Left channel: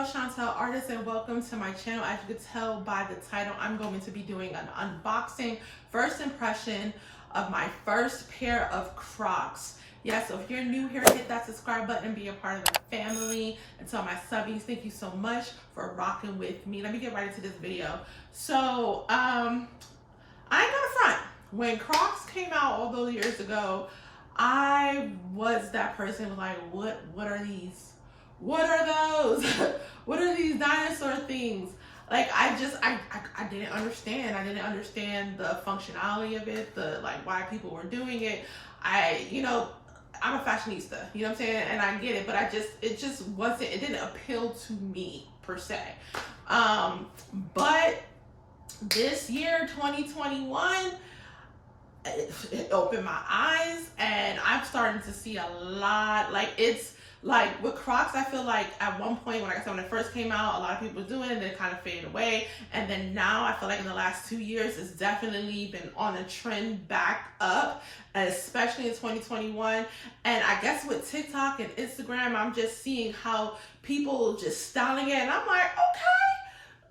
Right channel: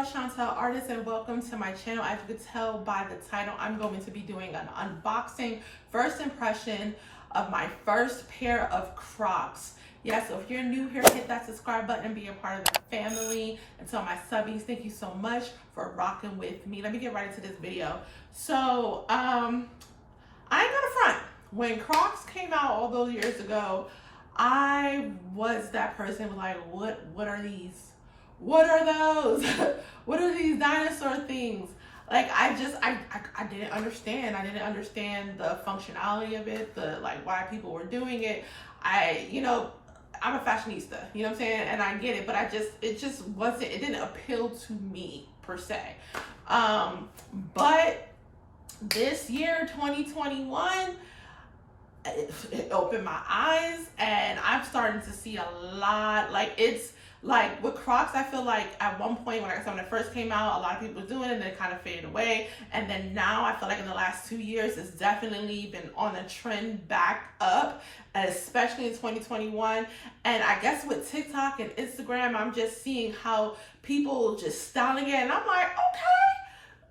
y'all, Chantel Artist, and welcome to my channel. As you can tell by the title, I'm going to be doing an unboxing, first impression of my first pair of Crocs. Yeah, so if you're new here, hit that subscribe button and be a part of the family. And to my subbies, thank you so much for rocking with me. Let me get right into this video. So, I ain't gonna front. When Crocs came out all those years ago, I was that person who was like, what are these? What are those? What are these dinosaur things? Like, I didn't understand. I didn't understand the functionality of it, why people were doing it. I'm a fashionista, you know what I'm saying? And I get it, but it didn't appeal to me per se. But this year, 2021, it opened my eyes, and I'm starting to see a lot. Like with Crocs, I feel like at one point when it first came out, a lot of people were doing it and then it kind of faded away. And then now I feel like in the last 2 years, it's definitely been on a trend back up, especially in 2021. And I guess with TikTok and Instagram, I'm just seeing how people just styling it. And I'm like, okay,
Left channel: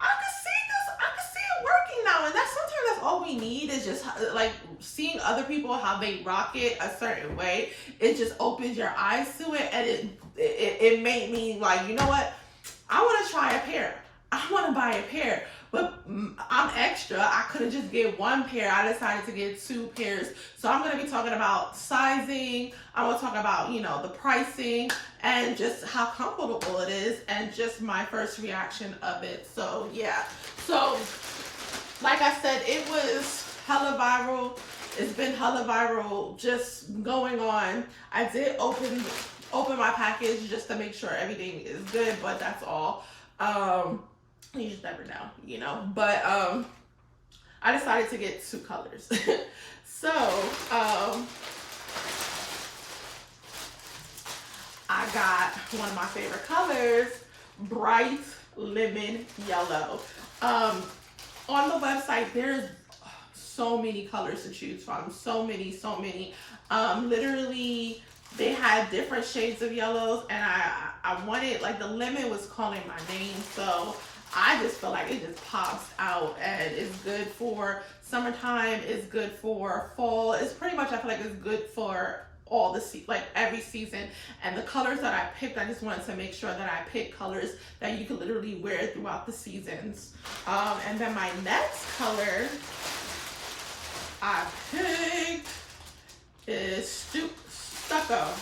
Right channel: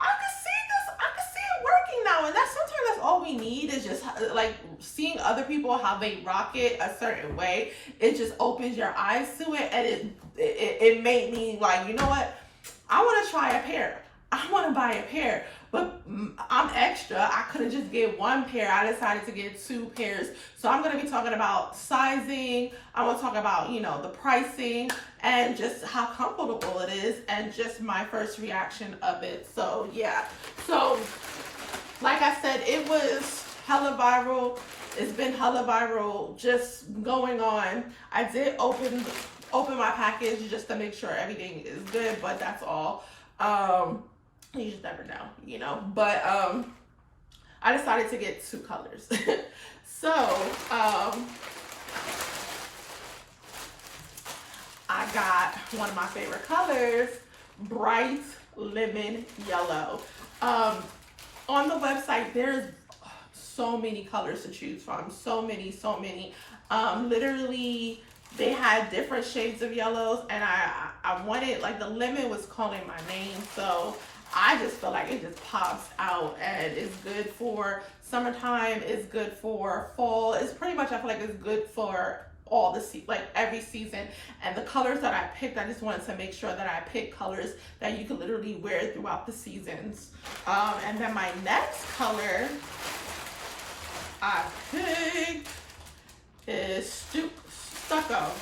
I can see it working now. And sometimes that's all we need, is just like seeing other people, how they rock it a certain way. It just opens your eyes to it, and it made me like, you know what? I want to try a pair. I want to buy a pair, but I'm extra. I couldn't just get one pair. I decided to get 2 pairs. So I'm going to be talking about sizing. I want to talk about, the pricing and just how comfortable it is and just my first reaction of it. So yeah. So like I said, it was hella viral. It's been hella viral just going on. I did open my package just to make sure everything is good, but that's all. You just never know, but I decided to get 2 colors. So I got one of my favorite colors, bright lemon yellow. On the website, there's so many colors to choose from. So many. Literally, they had different shades of yellows, and I wanted, like, the lemon was calling my name, so I just feel like it just pops out, and it's good for summertime. It's good for fall. It's pretty much, I feel like it's good for all the every season. And the colors that I picked, I just wanted to make sure that I picked colors that you could literally wear throughout the seasons. And then my next color I picked is stucco.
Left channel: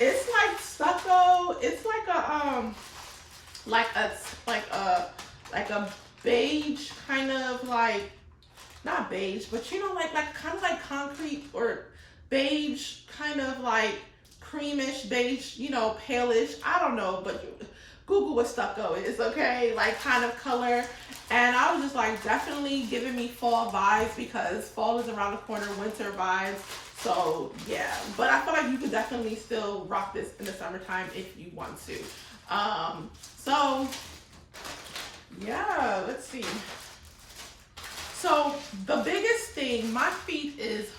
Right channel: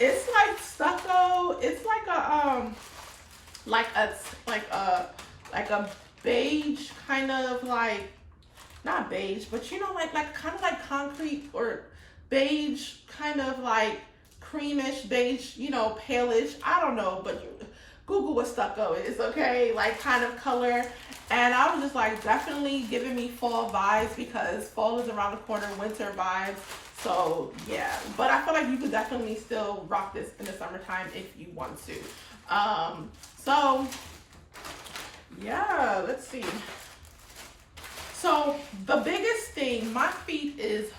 It's like stucco. It's like a beige kind of, like, not beige, but like kind of like concrete, or beige, kind of like creamish beige, palish. I don't know, but Google what stucco is, okay? Like, kind of color. And I was just like, definitely giving me fall vibes, because fall is around the corner, winter vibes. So yeah, but I feel like you could definitely still rock this in the summertime if you want to. So yeah, let's see. So the biggest thing, my feet is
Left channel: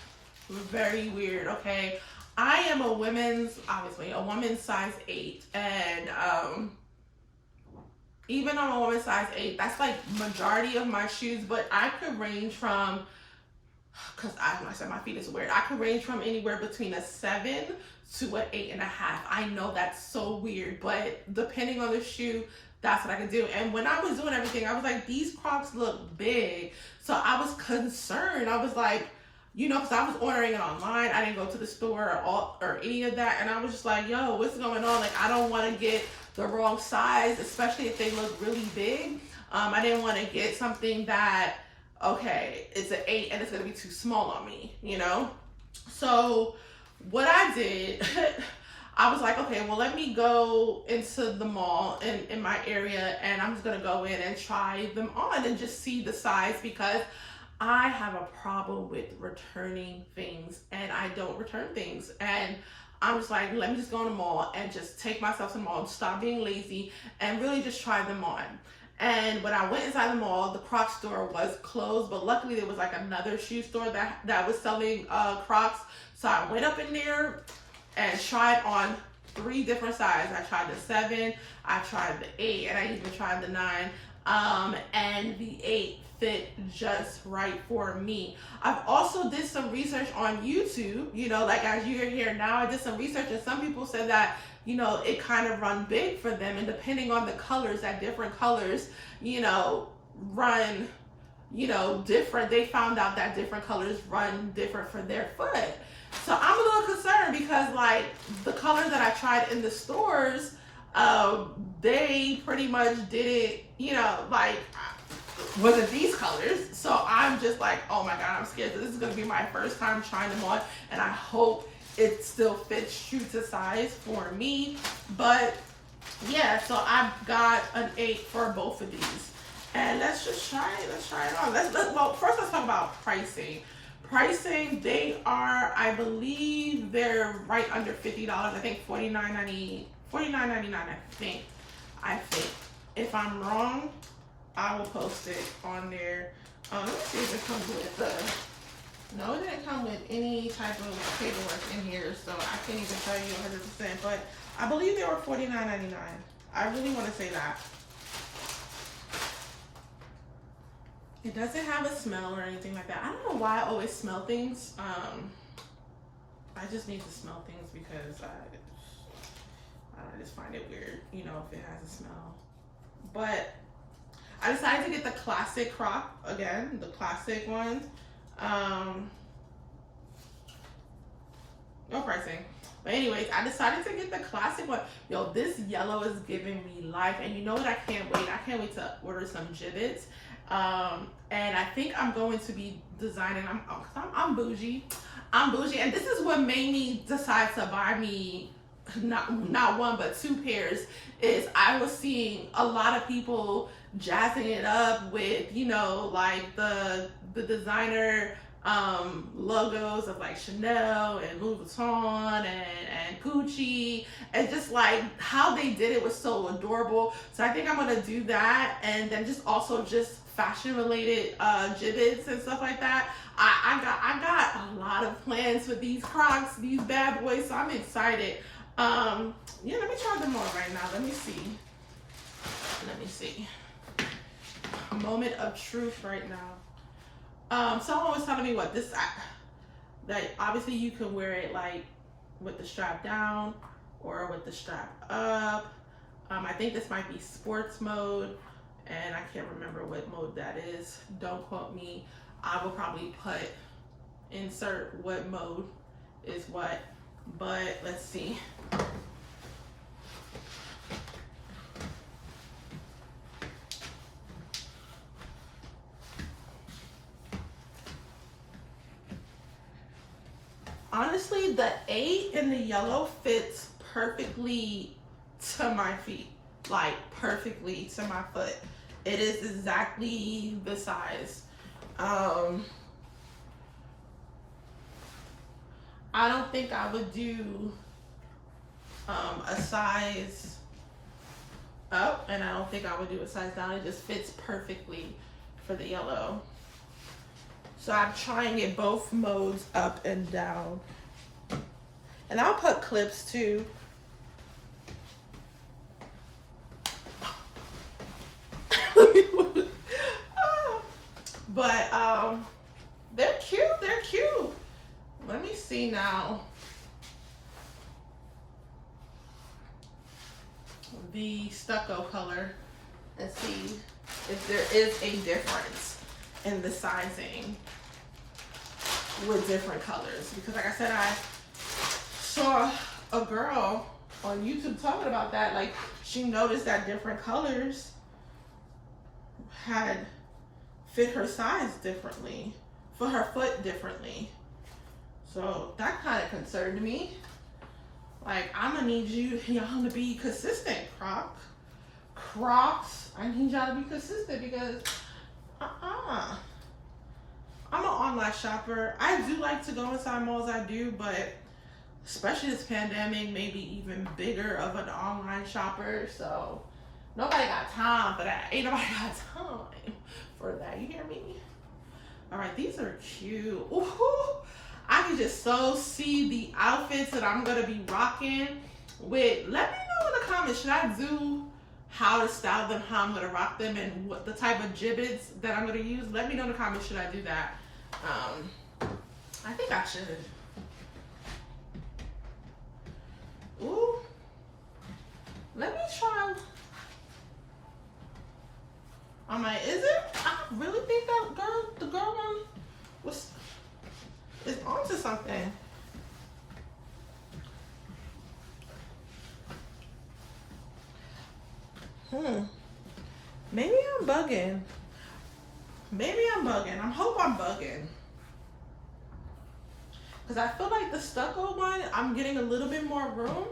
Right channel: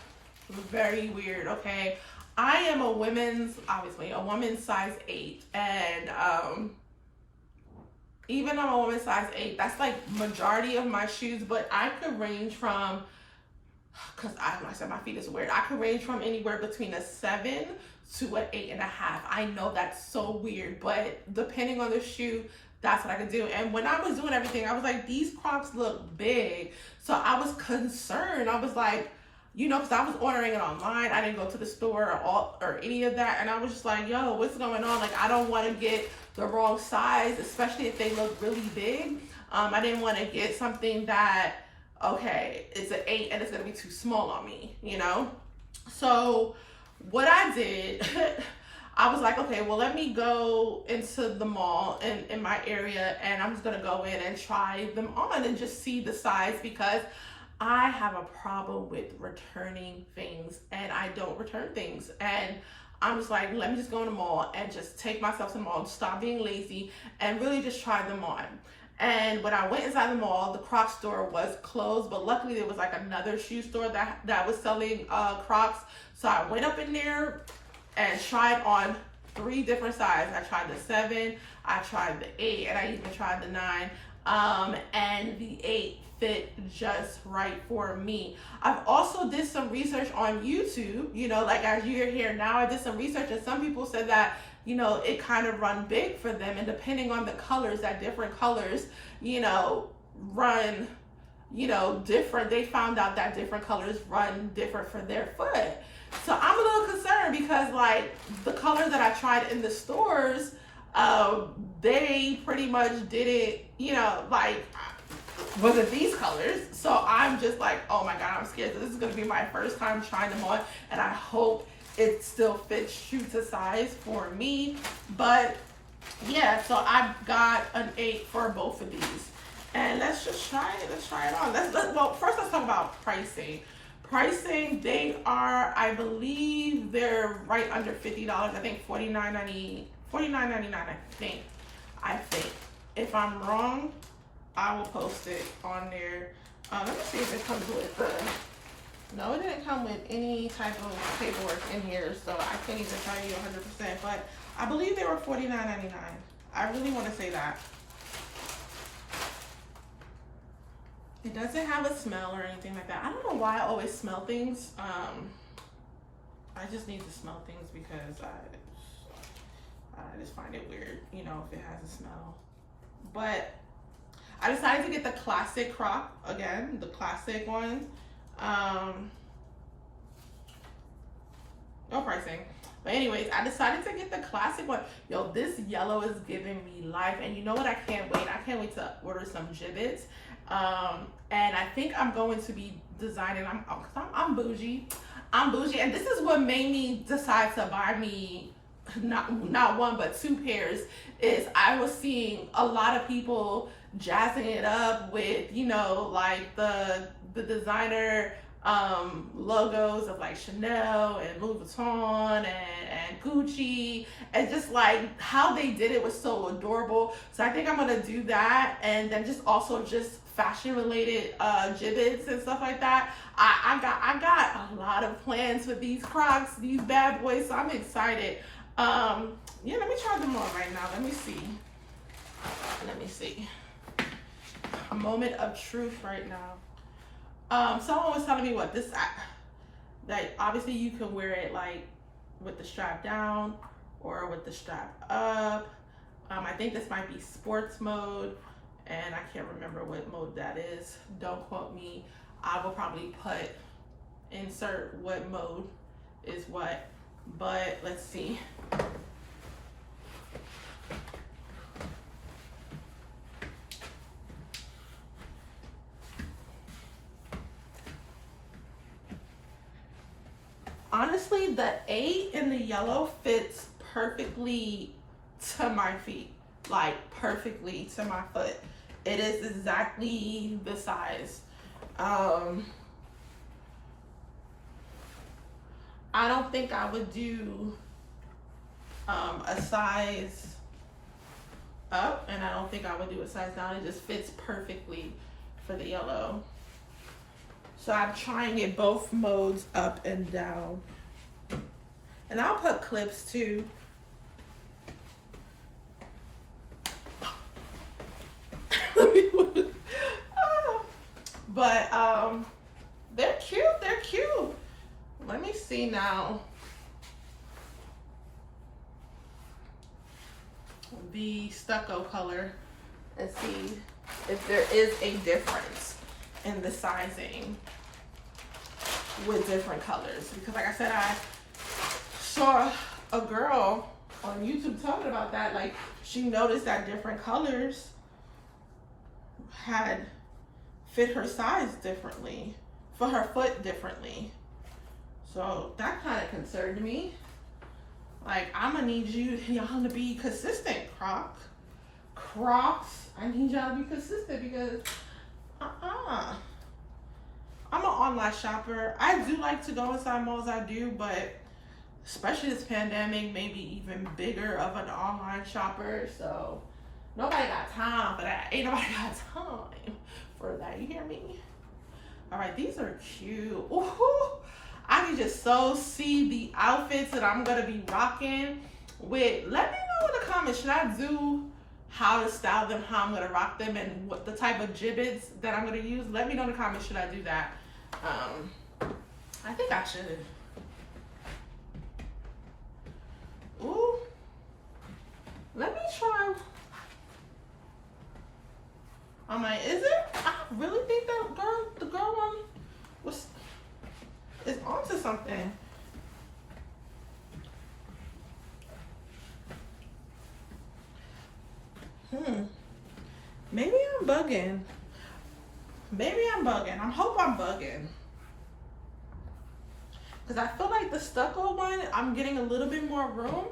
very weird, okay? I am obviously a woman's size 8, and even on a woman's size 8, that's like majority of my shoes, but I could range from, because like I said, my feet is weird, I could range from anywhere between a 7 to an 8.5. I know that's so weird, but depending on the shoe, that's what I could do. And when I was doing everything, I was like, these Crocs look big. So I was concerned. I was like, because I was ordering it online. I didn't go to the store or any of that. And I was just like, yo, what's going on? Like, I don't want to get the wrong size, especially if they look really big. I didn't want to get something that, okay, it's an 8 and it's going to be too small on me, So what I did, I was like, okay, well, let me go into the mall in my area, and I'm just going to go in and try them on and just see the size, because I have a problem with returning things, and I don't return things. And I'm just like, let me just go in the mall and just take myself to the mall, stop being lazy, and really just try them on. And when I went inside the mall, the Crocs store was closed, but luckily there was like another shoe store that was selling Crocs. So I went up in there and tried on 3 different sizes. I tried the 7, I tried the 8, and I even tried the 9. And the 8 fit just right for me. I've also did some research on YouTube, you know, like as you're here now, I did some research and some people said that, you know, it kind of run big for them, and depending on the colors, that different colors, you know, run, you know, different. They found out that different colors run different for their foot. So I'm a little concerned because like the colors that I tried in the stores, they pretty much did it, you know, like wasn't these colors. So I'm just like, oh my God, I'm scared. This is gonna be my first time trying them on, and I hope it still fits true to size for me. But yeah, so I've got an 8 for both of these. And let's just try it. Let's try it on. Well, first let's talk about pricing. Pricing, they are, I believe they're right under $50. I think $49.99, I think. If I'm wrong, I will post it on there. Let me see if it comes with no, it didn't come with any type of paperwork in here, so I can't even tell you 100%, but I believe they were $49.99. I really want to say that. It doesn't have a smell or anything like that. I don't know why I always smell things. I just need to smell things because I just find it weird, you know, if it has a smell. But I decided to get the classic Croc again, the classic ones. No pricing. But anyways, I decided to get the classic one. Yo, this yellow is giving me life. And you know what? I can't wait. I can't wait to order some gibbets. And I think I'm going to be designing, I'm bougie. I'm bougie. And this is what made me decide to buy me not one, but 2 pairs, is I was seeing a lot of people jazzing it up with, you know, like the designer logos of like Chanel and Louis Vuitton and Gucci, and just like how they did it was so adorable. So I think I'm gonna do that, and then just also just fashion related gibbets and stuff like that. I got a lot of plans for these Crocs, these bad boys, so I'm excited. Yeah, let me try them on right now. Let me see. A moment of truth right now. Someone was telling me what that obviously you can wear it like with the strap down or with the strap up. I think this might be sports mode, and I can't remember what mode that is. Don't quote me. I will probably insert what mode is what, but let's see. Honestly, the 8 in the yellow fits perfectly to my feet, like perfectly to my foot. It is exactly the size. I don't think I would do a size up, and I don't think I would do a size down. It just fits perfectly for the yellow. So I'm trying it both modes, up and down. And I'll put clips too. But they're cute. Let me see now. The stucco color and see if there is a difference in the sizing with different colors, because like I said, I saw a girl on YouTube talking about that. Like, she noticed that different colors had fit her size differently, for her foot differently. So that kind of concerned me. Like, I'm gonna need y'all to be consistent, Crocs. I need y'all to be consistent because I'm an online shopper. I do like to go inside malls, I do, but especially this pandemic, maybe even bigger of an online shopper. So nobody got time for that. Ain't nobody got time for that. You hear me? All right, these are cute. Ooh, I can just so see the outfits that I'm gonna be rocking let me know in the comments, should I do how to style them, how I'm gonna rock them, and what the type of gibbets that I'm gonna use? Let me know in the comments, should I do that? I think I should. Ooh, let me try. I'm like, is it? I really think that the girl one is onto something. Maybe I'm bugging. I hope I'm bugging. Because I feel like the stucco one, I'm getting a little bit more room.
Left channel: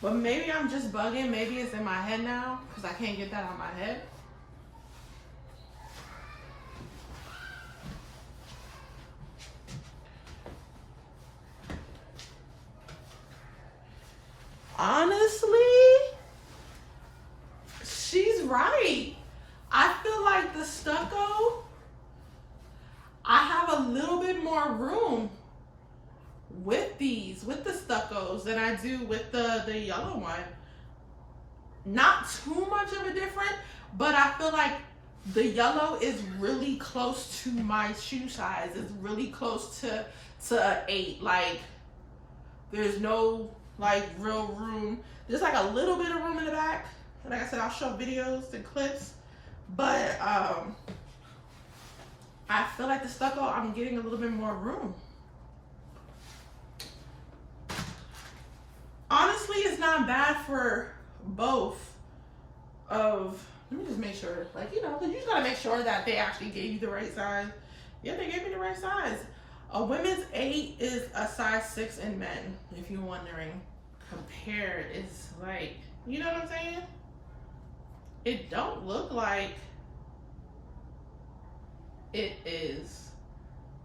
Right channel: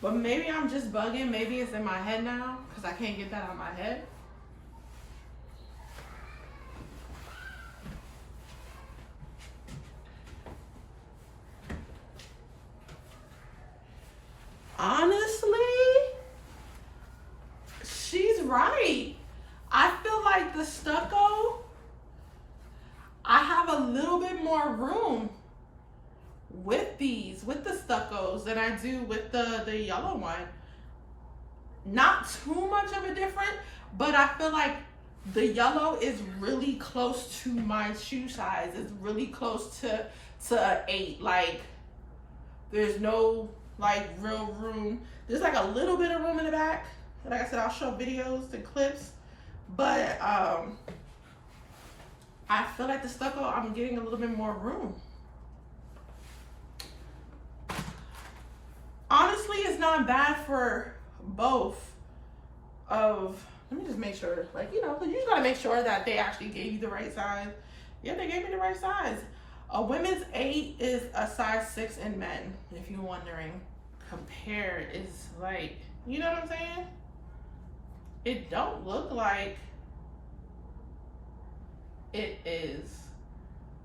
But maybe I'm just bugging. Maybe it's in my head now. Because I can't get that out of my head. Honestly, she's right. I feel like the stucco, I have a little bit more room with the stuccos than I do with the yellow one. Not too much of a difference, but I feel like the yellow is really close to my shoe size. It's really close to an 8. Like, there's no like real room. There's like a little bit of room in the back. Like I said, I'll show videos and clips, but I feel like the stucco, I'm getting a little bit more room. Honestly, it's not bad for both of, let me just make sure, like, you know, you just gotta make sure that they actually gave you the right size. Yeah, they gave me the right size. A women's 8 is a size 6 in men, if you're wondering. Compared is like, you know what I'm saying? It don't look like it is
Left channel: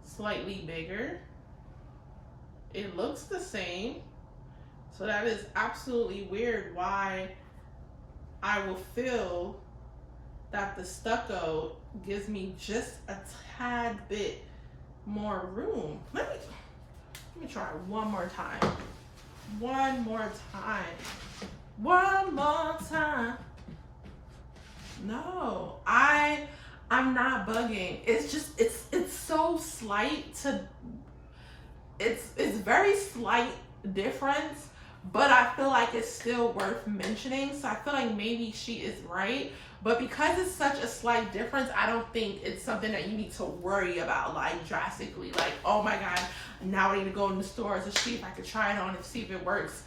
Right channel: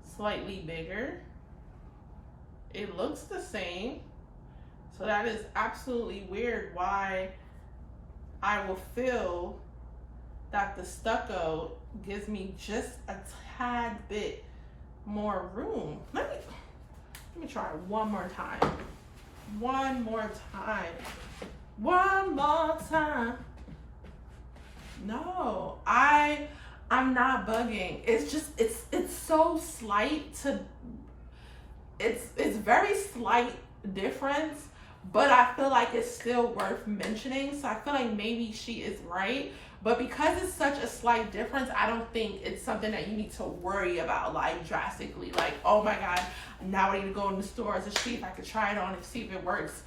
slightly bigger. It looks the same. So that is absolutely weird why I will feel that the stucco gives me just a tad bit more room. Let me try one more time. One more time. No, I'm not bugging. It's just it's so slight to it's very slight difference, but I feel like it's still worth mentioning. So I feel like maybe she is right. But because it's such a slight difference, I don't think it's something that you need to worry about like drastically. Like, oh my God, now I need to go in the stores to see if I could try it on and see if it works.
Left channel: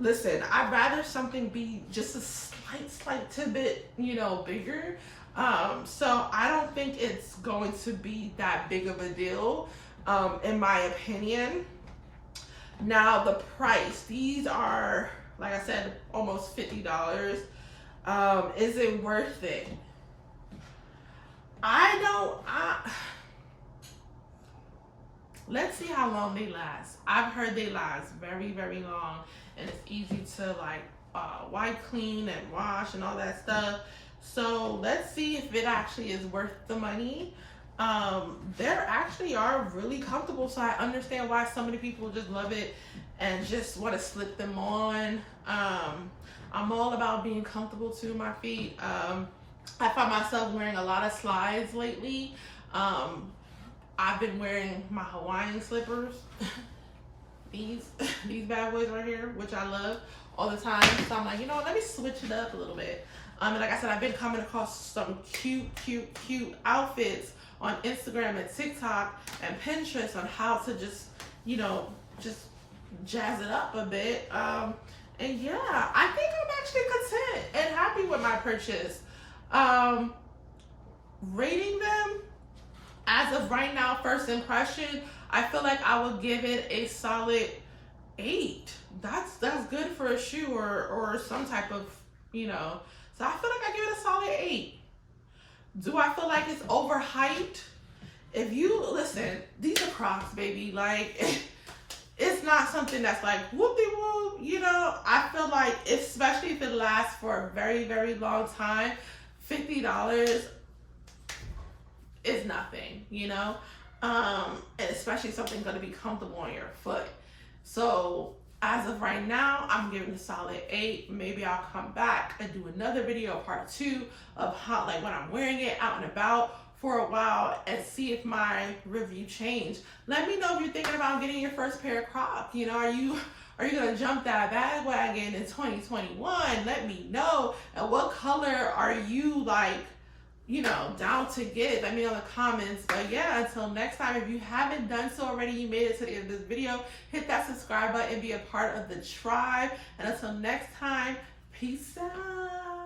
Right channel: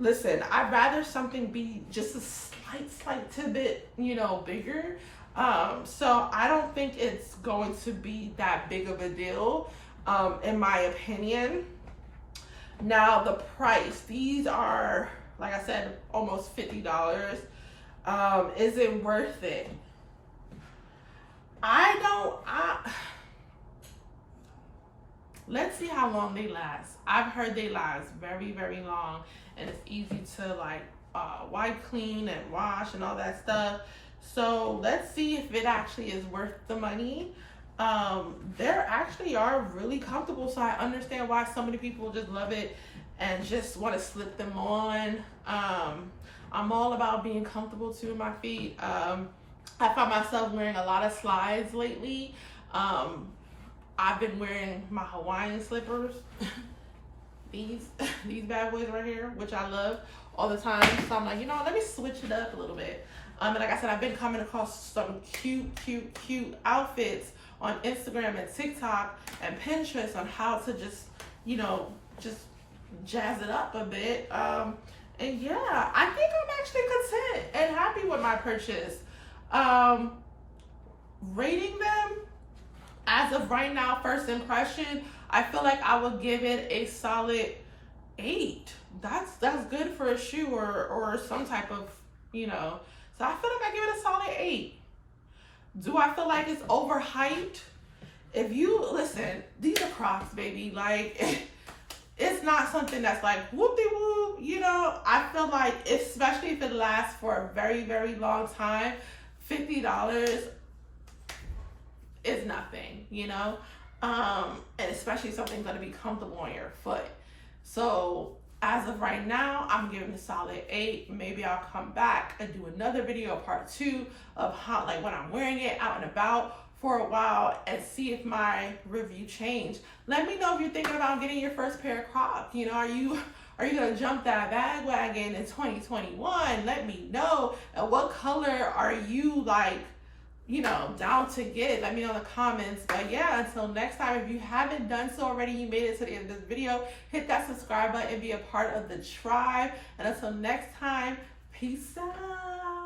Listen, I'd rather something be just a slight tidbit, you know, bigger. So I don't think it's going to be that big of a deal, in my opinion. Now the price, these are, like I said, almost $50. Is it worth it? Let's see how long they last. I've heard they last very, very long, and it's easy to like wipe clean and wash and all that stuff. So let's see if it actually is worth the money. There actually are really comfortable, so I understand why so many people just love it and just want to slip them on. I'm all about being comfortable too in my feet. I find myself wearing a lot of slides lately. I've been wearing my Hawaiian slippers, these bad boys right here, which I love all the time. So I'm like, you know what, let me switch it up a little bit. And like I said, I've been coming across some cute outfits on Instagram and TikTok and Pinterest on how to just, you know, just jazz it up a bit. And yeah, I think I'm actually content and happy with my purchase. Rating them as of right now, first impression, I feel like I would give it a solid 8. That's good for a shoe or some type of, you know. So I feel like I give it a solid 8. Do I feel like it's overhyped? If you listen, these are Crocs, baby. Like, it's not something that's like whoop-de-whoop, you know. I feel like, especially if it lasts for a very, very long time, $50 is nothing, you know. And especially something gonna be comfortable on your foot. So As of right now, I'm giving a solid 8. Maybe I'll come back and do another video, part 2, of how, like, when I'm wearing it out and about for a while, and see if my review changed. Let me know if you're thinking about getting your first pair of Crocs. You know, are you gonna jump that bandwagon in 2021? Let me know. And what color are you, like, you know, down to get? Let me know in the comments. But yeah, until next time, if you haven't done so already, you made it to the end of this video, hit that subscribe button and be a part of the tribe. And until next time, peace out.